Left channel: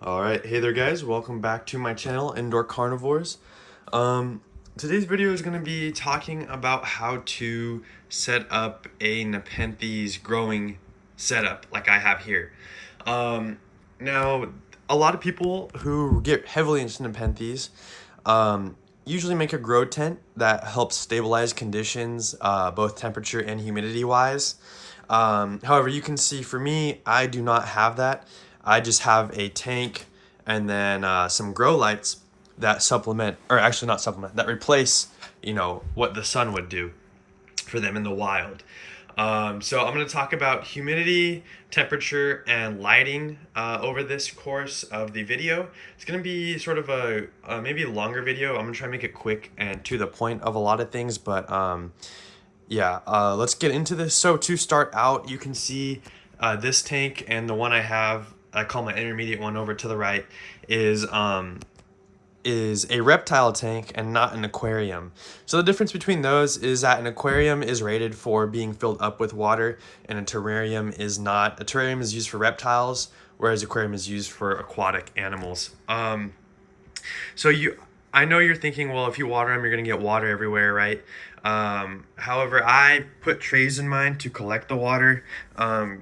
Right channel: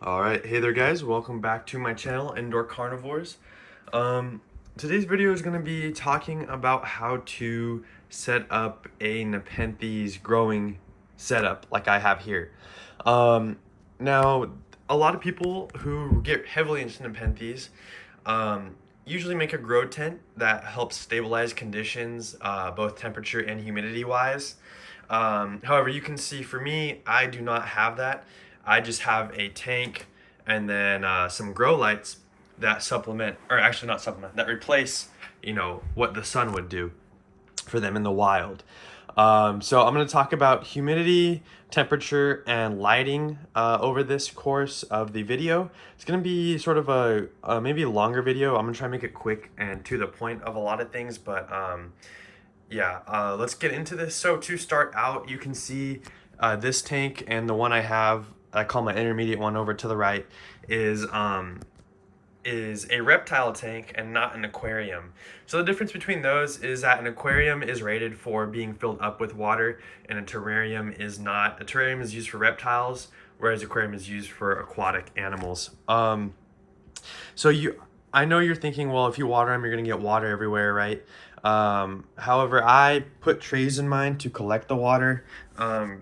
All right, hey there guys, welcome back to my channel, Indoor Carnivores. Today's video is going to be talking about how to set up a Nepenthes growing setup like I have here. Now, a lot of people who get heavily into Nepenthes usually make a grow tent that helps stabilize conditions, both temperature and humidity wise. However, you can see for me, I do not have that. I just have a tank and then some grow lights that supplement, or actually not supplement, that replace, what the sun would do for them in the wild. So I'm going to talk about humidity, temperature, and lighting over this course of the video. It's going to be sort of a maybe a longer video. I'm going to try and make it quick and to the point of a lot of things, but let's get into this. So to start out, you can see this tank and the one I call my intermediate one over to the right, is a reptile tank and not an aquarium. So the difference between those is that an aquarium is rated for being filled up with water and a terrarium is not. A terrarium is used for reptiles, whereas aquarium is used for aquatic animals. I know you're thinking, well, if you water them, you're gonna get water everywhere, right? However, I put trays in mine to collect the water.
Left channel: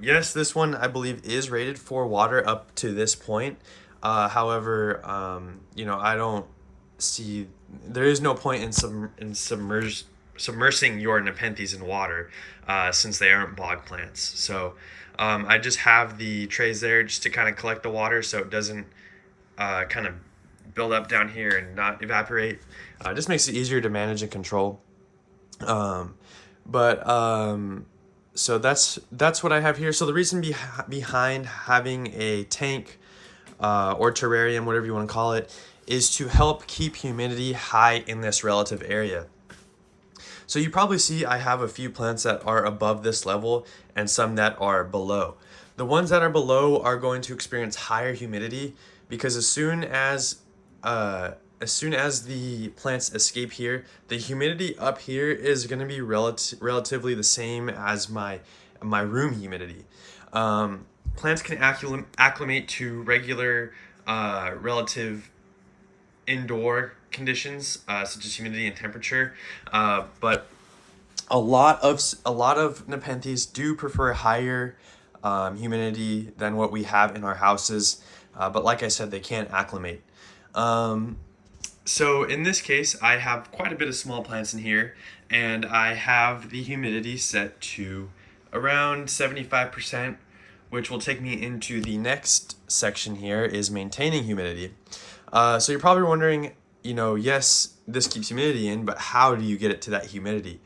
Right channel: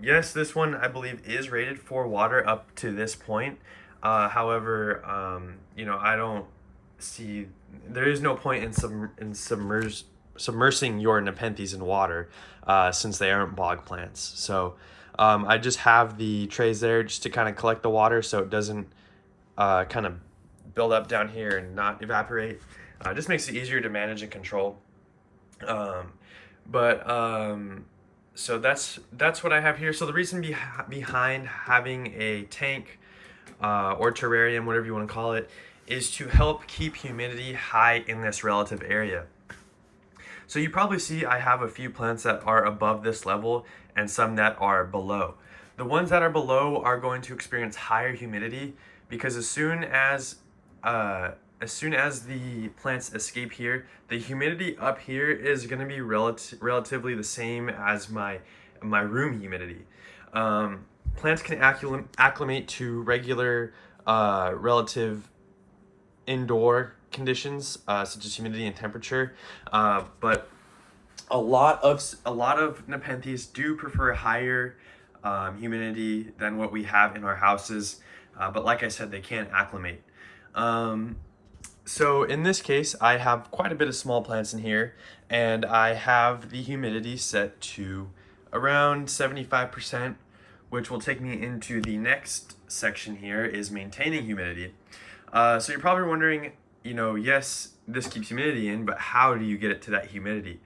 Yes, this one I believe is rated for water up to this point. However, I don't see, there is no point in submersing your Nepenthes in water, since they aren't bog plants. So, I just have the trays there just to kind of collect the water so it doesn't, kind of build up down here and not evaporate. Just makes it easier to manage and control. So that's what I have here. So the reason behind having a tank, or terrarium, whatever you want to call it, is to help keep humidity high in this relative area. So you probably see I have a few plants that are above this level and some that are below. The ones that are below are going to experience higher humidity because as soon as the plants escape here, the humidity up here is going to be relatively the same as my room humidity. Plants can acclimate to regular relative indoor conditions, such as humidity and temperature, but a lot of Nepenthes do prefer higher humidity than what we have in our houses. But like I said, they can't acclimate. So in this case, I have quite a bit of small plants in here, and I have the humidity set to around 75%, which will take me into the next section here, is maintaining humidity. So you're probably wondering, yes, this keeps humidity in, but how do you get it to that humidity?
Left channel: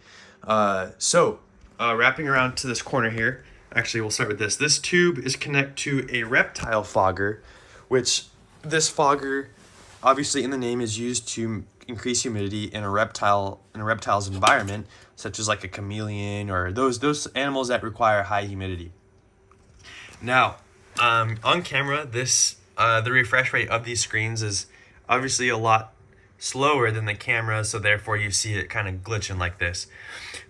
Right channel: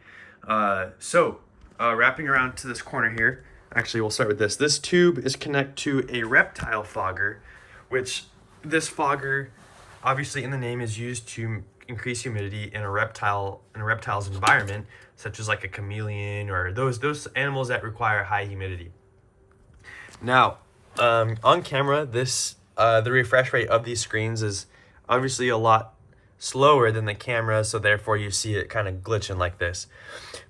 Wrapping around to this corner here, actually we'll start with this. This tube is connected to a reptile fogger, which this fogger, obviously in the name, is used to increase humidity in a reptile's environment, such as like a chameleon or those animals that require high humidity. Now, on camera, the refresh rate of these screens is obviously a lot slower than the camera, so therefore you see it kind of glitching like this.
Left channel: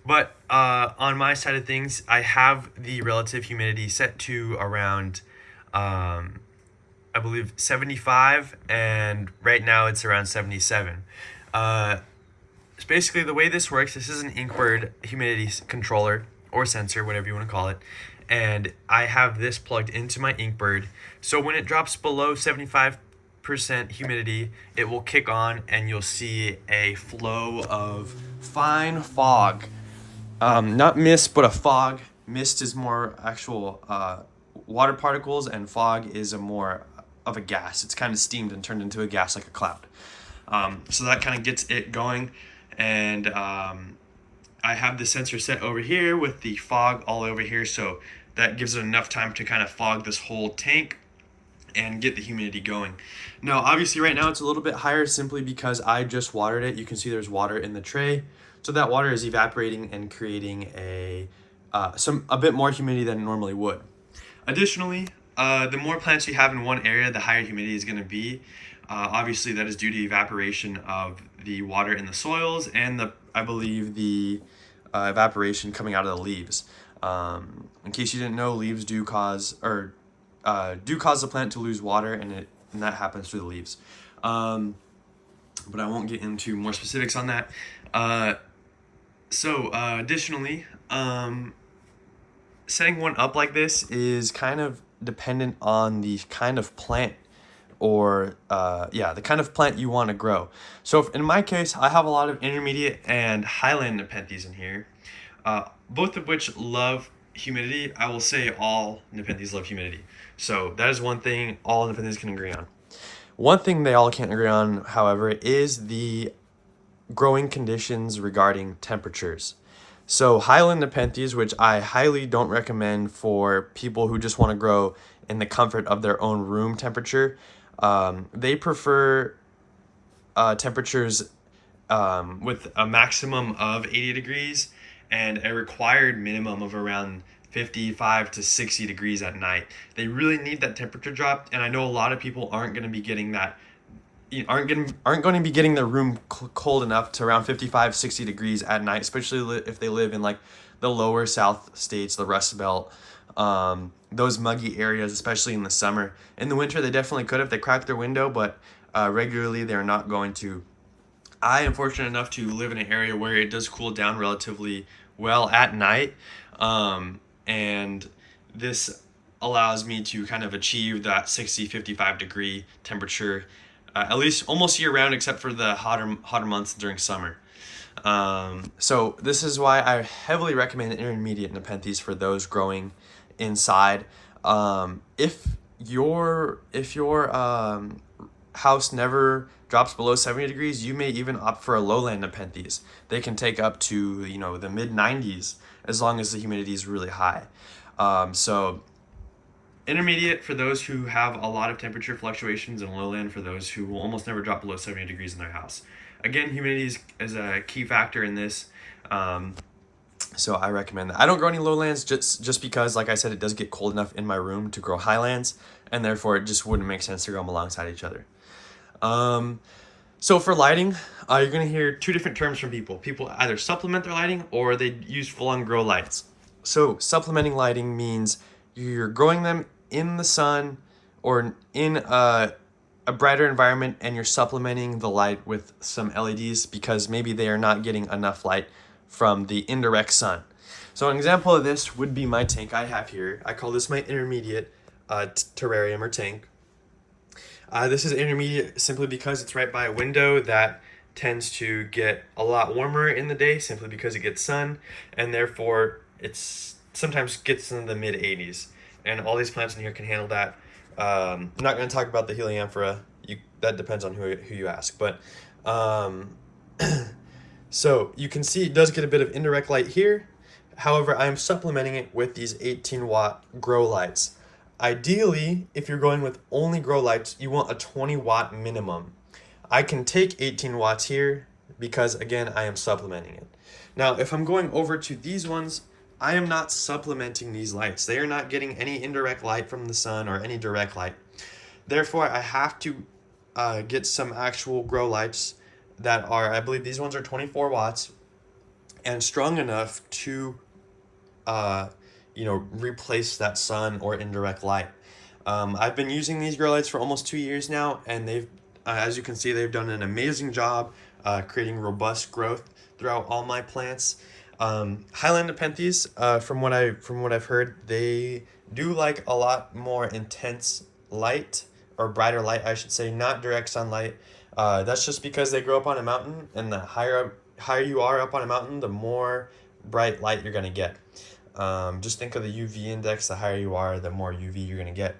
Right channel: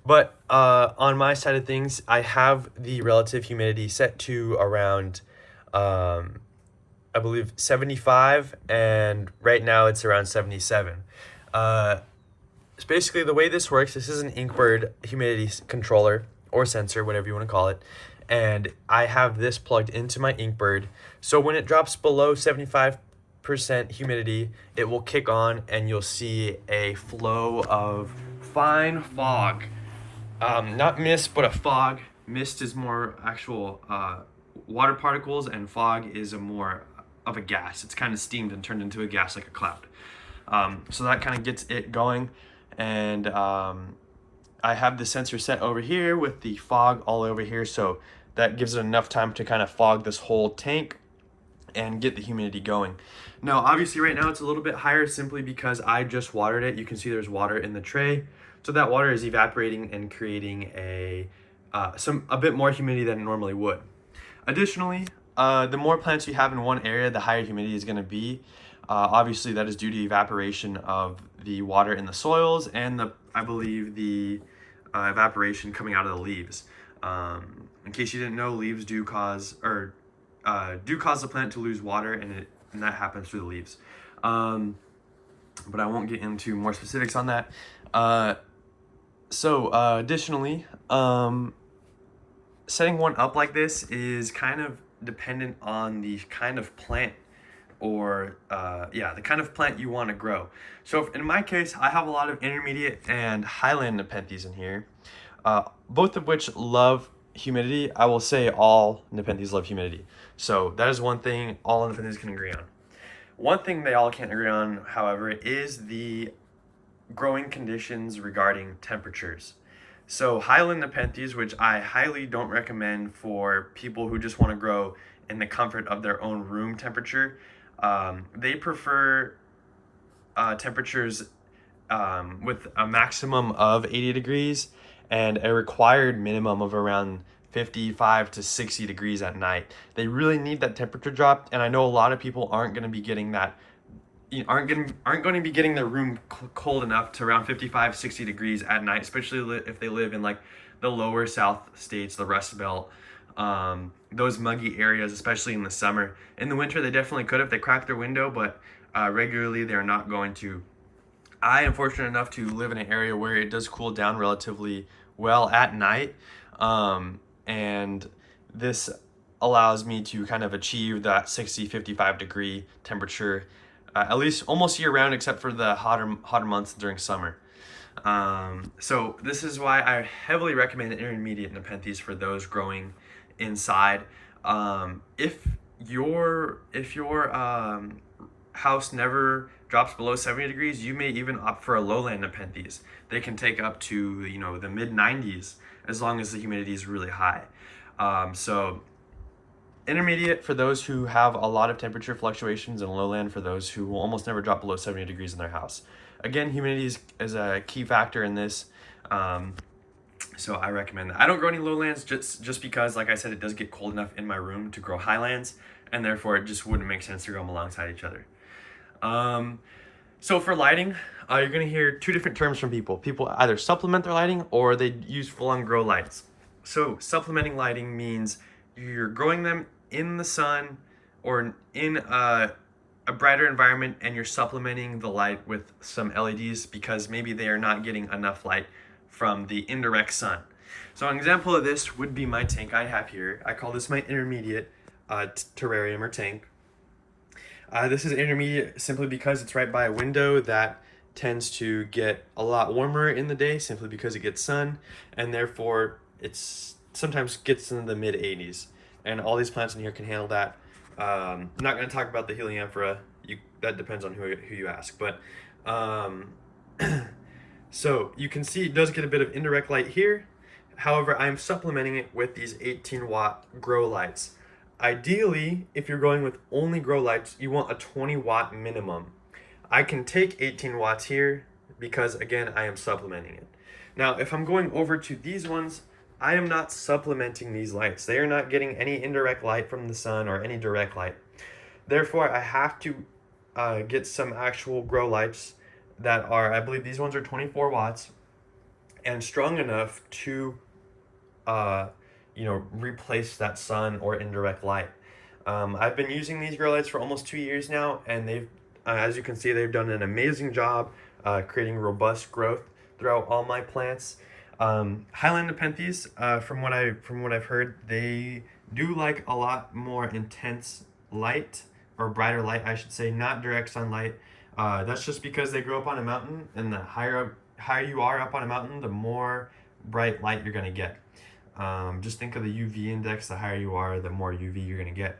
But on my side of things, I have the relative humidity set to around, I believe 75, and right now it's around 77. So basically the way this works, this is an Inkbird humidity controller or sensor, whatever you want to call it, and I have this plugged into my Inkbird. So when it drops below 75% humidity, it will kick on and you'll see a flow of fine fog. Not mist, but a fog. Mist is more actual water particles, and fog is a more of a gas. It's kind of steamed and turned into a gas like a cloud. So that kind of gets it going. And I have the sensor set over here with the fog all over here. So that gives it enough time to kind of fog this whole tank and get the humidity going. Now, obviously right now it's a little bit higher simply because I just watered it. You can see there's water in the tray. So that water is evaporating and creating a bit more humidity than it normally would. Additionally, the more plants you have in one area, the higher humidity is going to be. Obviously, that is due to evaporation of the water in the soils and I believe the evaporation coming out of the leaves. In case you didn't know, leaves do cause the plant to lose water, and it and that happens through the leaves. But I won't get into more specifics on that. Additionally, setting one up like this is kind of dependent on the kind of plant or the kind of plant you want to grow. So in my case, I have a lot of intermediate and highland Nepenthes in here, both of which love humidity. I will say all Nepenthes love humidity. So that is one thing all Nepenthes can agree on. One thing they all can't agree on, however, is the growing conditions regarding temperatures. So highland Nepenthes, which I highly don't recommend for people who just want to grow in the comfort of their own room temperature, they prefer temperatures with a maximum of 80 degrees and a required minimum of around 55 to 60 degrees at night. They really need that temperature drop, and I know a lot of people aren't going to be getting that, aren't going to be getting their room cold enough to around 55, 60 degrees at night, especially if they live in like the lower south states, the Rust Belt, those muggy areas, especially in the summer. In the winter, they definitely could if they cracked their window, but regularly they're not going to. I am fortunate enough to live in an area where it does cool down relatively well at night, and this allows me to kind of achieve that 60, 55 degree temperature at least almost year round, except for the hotter months during summer. So this is why I heavily recommend intermediate Nepenthes for those growing inside. If your house never drops below 70 degrees, you may even opt for a lowland Nepenthes. They can take up to the mid 90s as long as the humidity is really high. So intermediate for those who have a lot of temperature fluctuations, and lowland for those who will almost never drop below 70 degrees in their house. Again, humidity is a key factor in this, so I recommend that. I don't grow any lowlands just because, like I said, it does get cold enough in my room to grow highlands, and therefore it just wouldn't make sense to grow them alongside each other. So for lighting, you're going to hear two different terms from people. People either supplement their lighting or they use full-on grow lights. So supplementing lighting means you're growing them in the sun or in a brighter environment, and you're supplementing the light with some LEDs because maybe they are not getting enough light from the indirect sun. So an example of this would be my tank I have here. I call this my intermediate terrarium or tank. This is intermediate simply because it's right by a window that tends to get a lot warmer in the day simply because it gets sun, and therefore it's sometimes gets into the mid 80s, and all these plants in here can handle that. I'm not going to talk about the helianthera. That depends on who you ask, but so you can see it does get a bit of indirect light here. However, I'm supplementing it with these 18-watt grow lights. Ideally, if you're going with only grow lights, you want a 20-watt minimum. I can take 18 watts here because, again, I am supplementing it. Now, if I'm going over to these ones, I am not supplementing these lights. They are not getting any indirect light from the sun or any direct light. Therefore, I have to get some actual grow lights that are, I believe these ones are 24 watts and strong enough to replace that sun or indirect light. I've been using these grow lights for almost 2 years now, and they've, as you can see, they've done an amazing job creating robust growth throughout all my plants. Highland Nepenthes, from what I've heard, they do like a lot more intense light, or brighter light, I should say, not direct sunlight. That's just because they grow up on a mountain, and the higher you are up on a mountain, the more bright light you're gonna get. Just think of the UV index. The higher you are, the more UV you're gonna get.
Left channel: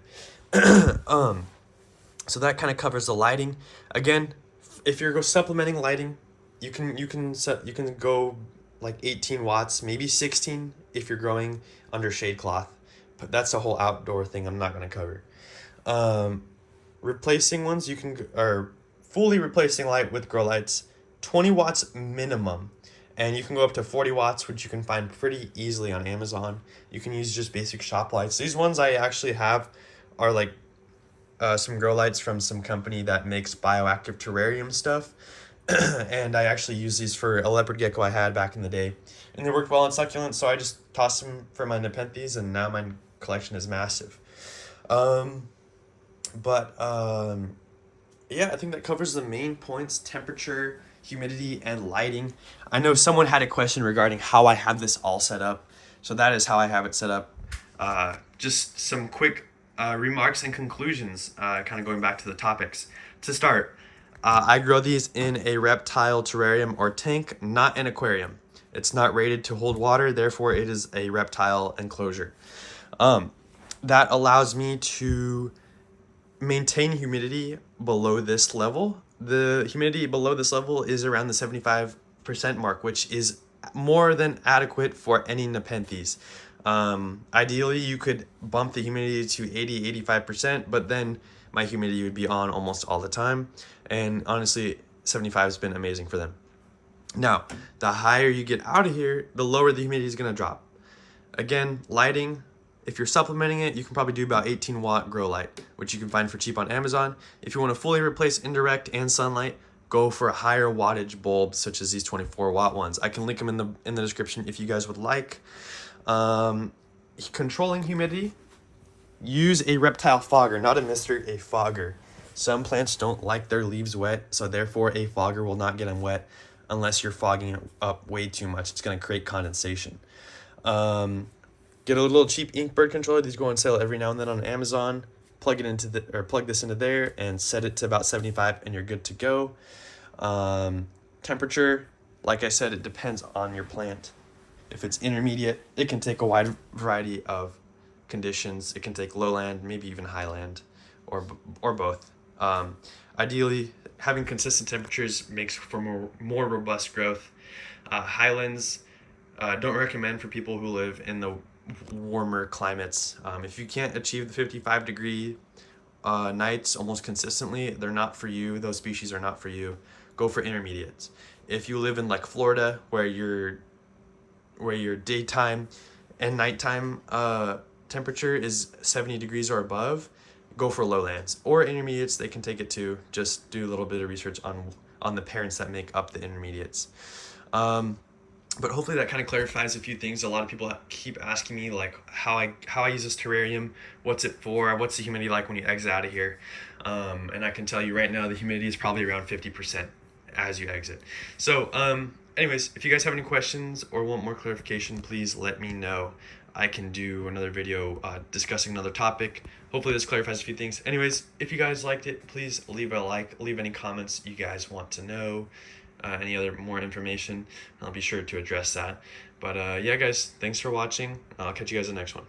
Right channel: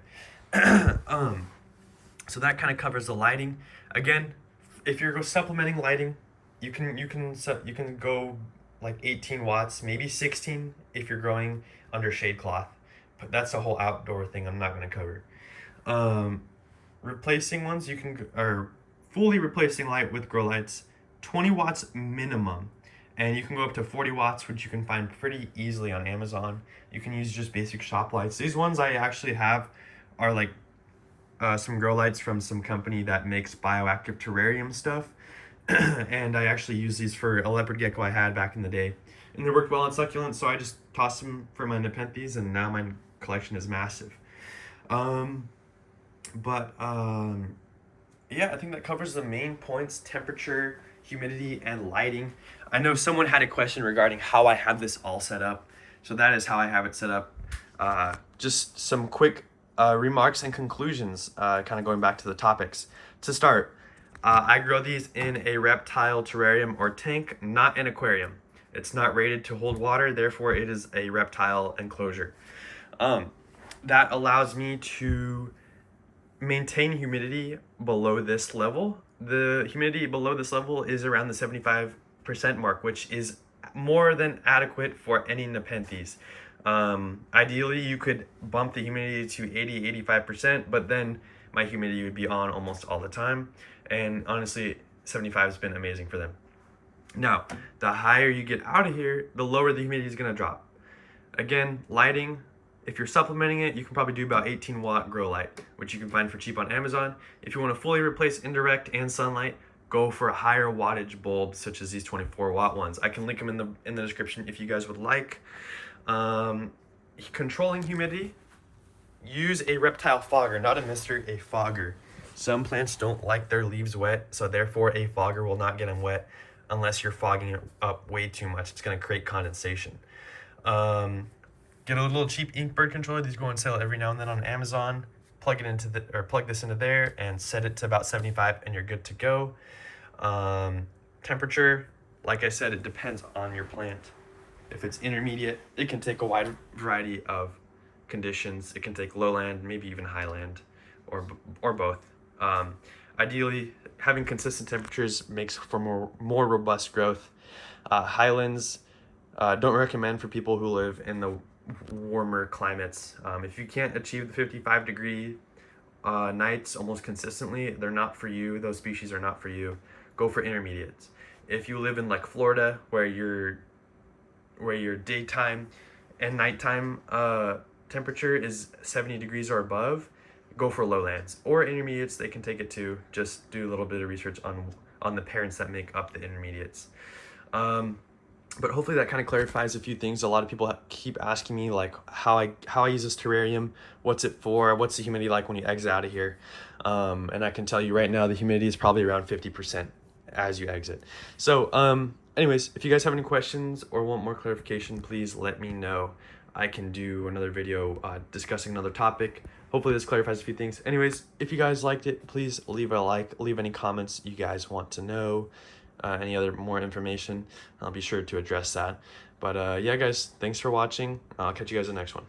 So that kind of covers the lighting. Again, if you're supplementing lighting, you can go like 18 watts, maybe 16 if you're growing under shade cloth. But that's a whole outdoor thing I'm not gonna cover. Replacing ones, or fully replacing light with grow lights, 20 watts minimum. And you can go up to 40 watts, which you can find pretty easily on Amazon. You can use just basic shop lights. These ones I actually have are like some grow lights from some company that makes bioactive terrarium stuff. And I actually used these for a leopard gecko I had back in the day. And they worked well on succulents, so I just tossed them for my Nepenthes, and now my collection is massive. But yeah, I think that covers the main points: temperature, humidity, and lighting. I know someone had a question regarding how I have this all set up. So that is how I have it set up. Just some quick remarks and conclusions, kind of going back to the topics. To start, I grow these in a reptile terrarium or tank, not an aquarium. It's not rated to hold water, therefore it is a reptile enclosure. That allows me to maintain humidity below this level. The humidity below this level is around the 75% mark, which is more than adequate for any Nepenthes. Ideally, you could bump the humidity to 80-85%, but then my humidity would be on almost all the time. And honestly, 75 has been amazing for them. Now, the higher you get out of here, the lower the humidity is going to drop. Again, lighting, if you're supplementing it, you can probably do about 18-watt grow light, which you can find for cheap on Amazon. If you want to fully replace indirect and sunlight, go for a higher wattage bulb, such as these 24-watt ones. I can link them in the description if you guys would like. Controlling humidity, use a reptile fogger, not a mister, a fogger. Some plants don't like their leaves wet, so therefore a fogger will not get them wet unless you're fogging it up way too much. It's going to create condensation. Get a little cheap ink bird controller. These go on sale every now and then on Amazon. Plug this into there and set it to about 75 and you're good to go. Temperature, like I said, it depends on your plant. If it's intermediate, it can take a wide variety of conditions. It can take lowland, maybe even highland, or both. Ideally, having consistent temperatures makes for more robust growth. Highlands, don't recommend for people who live in the warmer climates. If you can't achieve the 55-degree nights almost consistently, they're not for you. Those species are not for you. Go for intermediates. If you live in like Florida, where your daytime and nighttime temperature is 70 degrees or above, go for lowlands. Or intermediates, they can take it too. Just do a little bit of research on the parents that make up the intermediates. But hopefully that kind of clarifies a few things. A lot of people keep asking me like how I use this terrarium, what's it for, what's the humidity like when you exit out of here. And I can tell you right now the humidity is probably around 50% as you exit. So anyways, if you guys have any questions or want more clarification, please let me know. I can do another video discussing another topic. Hopefully this clarifies a few things. Anyways, if you guys liked it, please leave a like, leave any comments you guys want to know. Any other more information, I'll be sure to address that. But yeah, guys, thanks for watching. I'll catch you guys in the next one.